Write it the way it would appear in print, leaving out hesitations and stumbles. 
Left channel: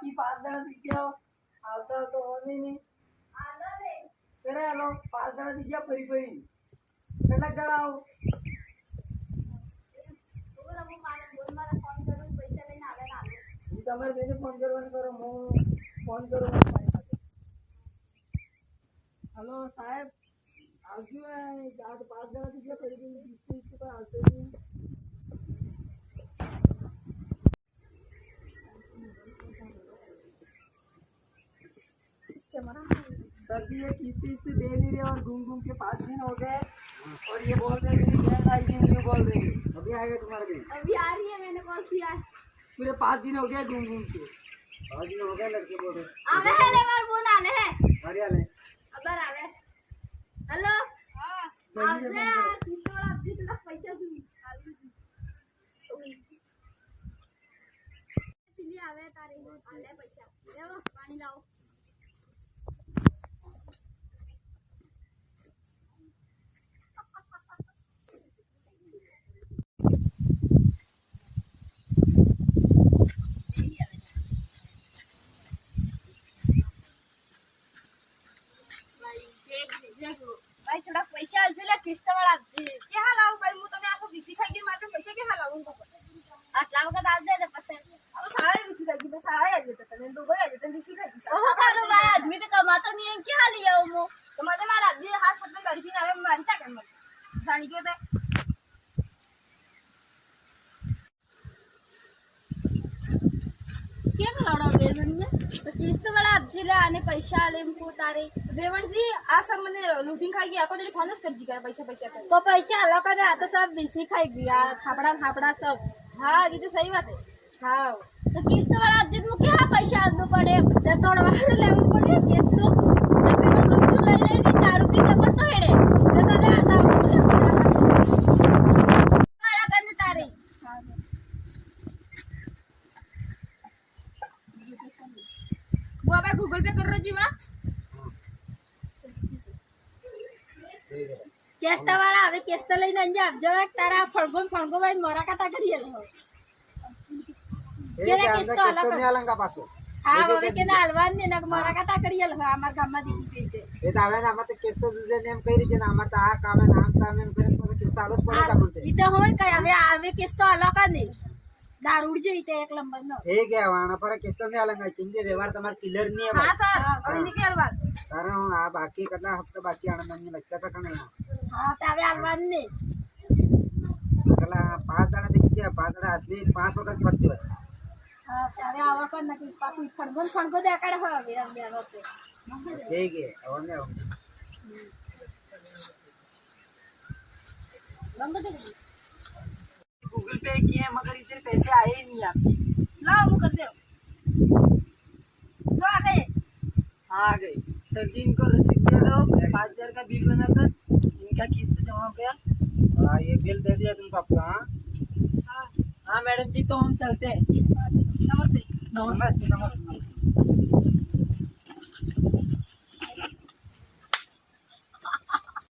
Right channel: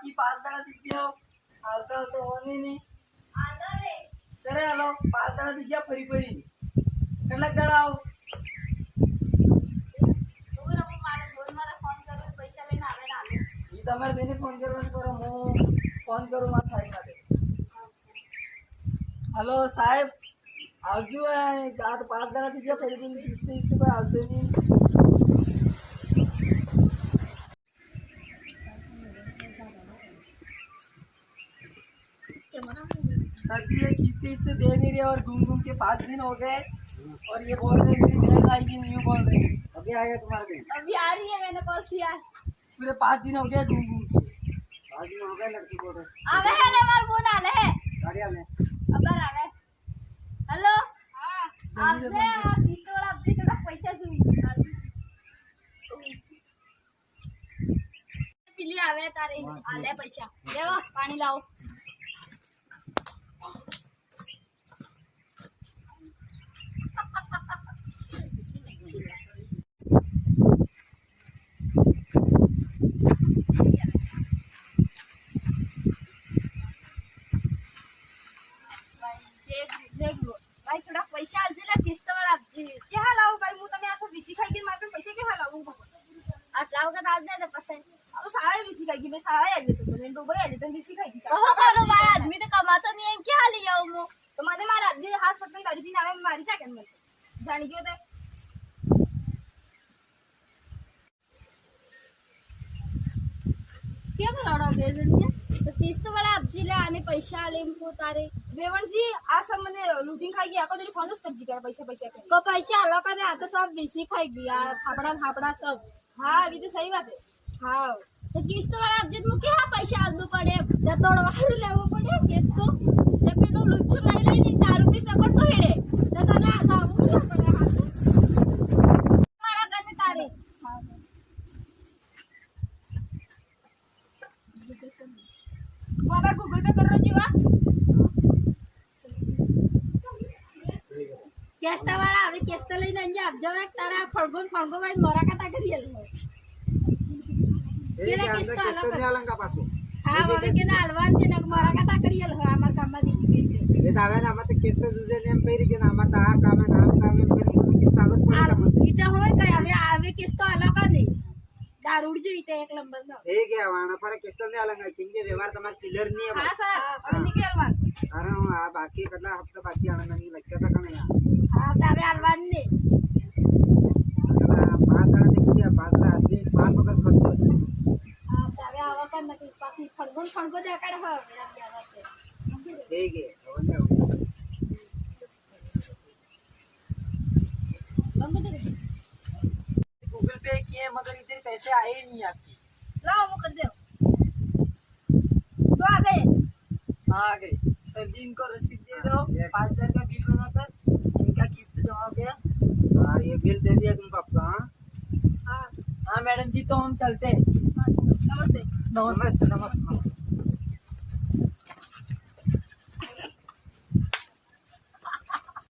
बाकी 5 जणा दिख गया हालता तो होनी नहीं आलो रे करे हेलो 5 जणा दिख गया फरी फरी કેટલાક જણા આવ ઓર હું મારે બોલ મારા ફોન કરું પૈસા લઈને આવે ને આલો ઈ તમારે તેને ફોન કરવાનું કરો હું ફોન કરું મારા સાહેબ માટે हेलो साहेब આવજો આ 5 જણા દિખ ગયા ફરી ફરી કિસ્તી પર આવતો નહીં सर जी ये किस्ती दे नहीं रहे और घूम घूम के 5 दिन हो गए और ये बोल रहे मेरी नया आईडी नहीं बोल रहे अभी आएगा तुम्हारे दिन अभी आ रही है मैंने कॉल किया पूरे 5 दिन हो गए घूम घूम के 5 दिन हो गए लड़के बोल रहे आवे है ले मार फोन आले है गाड़ी आले अबर आवे हेलो हां आपसे पिस्तौल आपसे थोड़ा पैसा सुई पिली आवे तारे आले पैसा देवा पानी लाओ भाई थोड़ा पैसा आलजे ला किस्त वाला के हाल आऊ भाई मु तने आखो बीसी खाई के मारते पैसे के हाल आऊ आटलाव का दाल दे पैसे अब सारा बीसी खाई की मैं सारा आ जेते तने डूबे आ जेते बीसी खाई की ओहो करो भाई आदमी तो कमाता नहीं है के हाल आऊ मु तो मारे मार आदमी हाथ पटन दारू पीने आवे मारी क्या कर मत जानी क्यों तो क्या कराना बेवन जी तो किस्त वाला अब जिले आने पैसा आले हमको तारे बेवन जी आज सब मैंने लूटिंग खाई गया को तेरे फोन कर जी कर पैसा पैसा कर को पैसा आलो का आता सब बीसी खाई गया थापड़ा सब हां अभी तो सही बात है हां तो किस्त वाला अब जित मुके हां पैसा आदनो पड़े ते तोड़ वाले लेवो पड़े किस्त तो तब तो लुच्चू लाई ले नहीं दारू की तकड़ तो हेड़े ते दादा ऐसा मारा करने तारे वो अब गूगल पे कर रहा जीवा केस्ता वाला હવે કેસ્તા લઈને અંજા આપજો એક તારા ફળગો ભાઈ મોરા કાટા કરી લેલો એ કે અંદર કેસ્તો ને આલંગા પાછો હા હવે કે ના હલવાન ને મોરા કાટા કરી લેલો અમાર ગામમાં દીદી ગઈ એ તો આવે ને આમાં તો કેસ્તો જુજે ને એમ કહી રહી છે ને આમાં તો આ કામ ને આમ કામ એમ કરીને તો કેસ્તા આલોસ પડે કામ ઈ તો હોય કઈ હવે કેસ્તો આલો કા નહીં दारू उड़ जाई ते एक नंबर नो हे क्या वाणा पर किस्त ने आलंगा किंगे व्यवहार તમાર ક્લિયર ની है हां सर अब निकल अलवान कारण आ बाकी કેટલા હપ્તા બાકી આનંદ ની લખ્યા હતા કણે हां तबे अलवान ने કલા 5 જણા દેખી 5 જણા આદમી 5 વખત ફટતો हां तबे आवकन નથી પાછી ફણગો દેખાડે હવે રમ્યા વખતે हे के આવને બંગડી गूगल पे किए मगर इधर पैसे आए ही नहीं आपकी लाओ वो कर दो तो आ गए हाँ आ गए सर जी इनको रसीद दे दो 5000 का बिल बनाकर इनका किस्त जमा हो गया हाँ ये बिल दे दिया तुमको आपका हाँ हाँ मैडम जी तो हम चलते हैं नमस्ते नमस्ते नमस्ते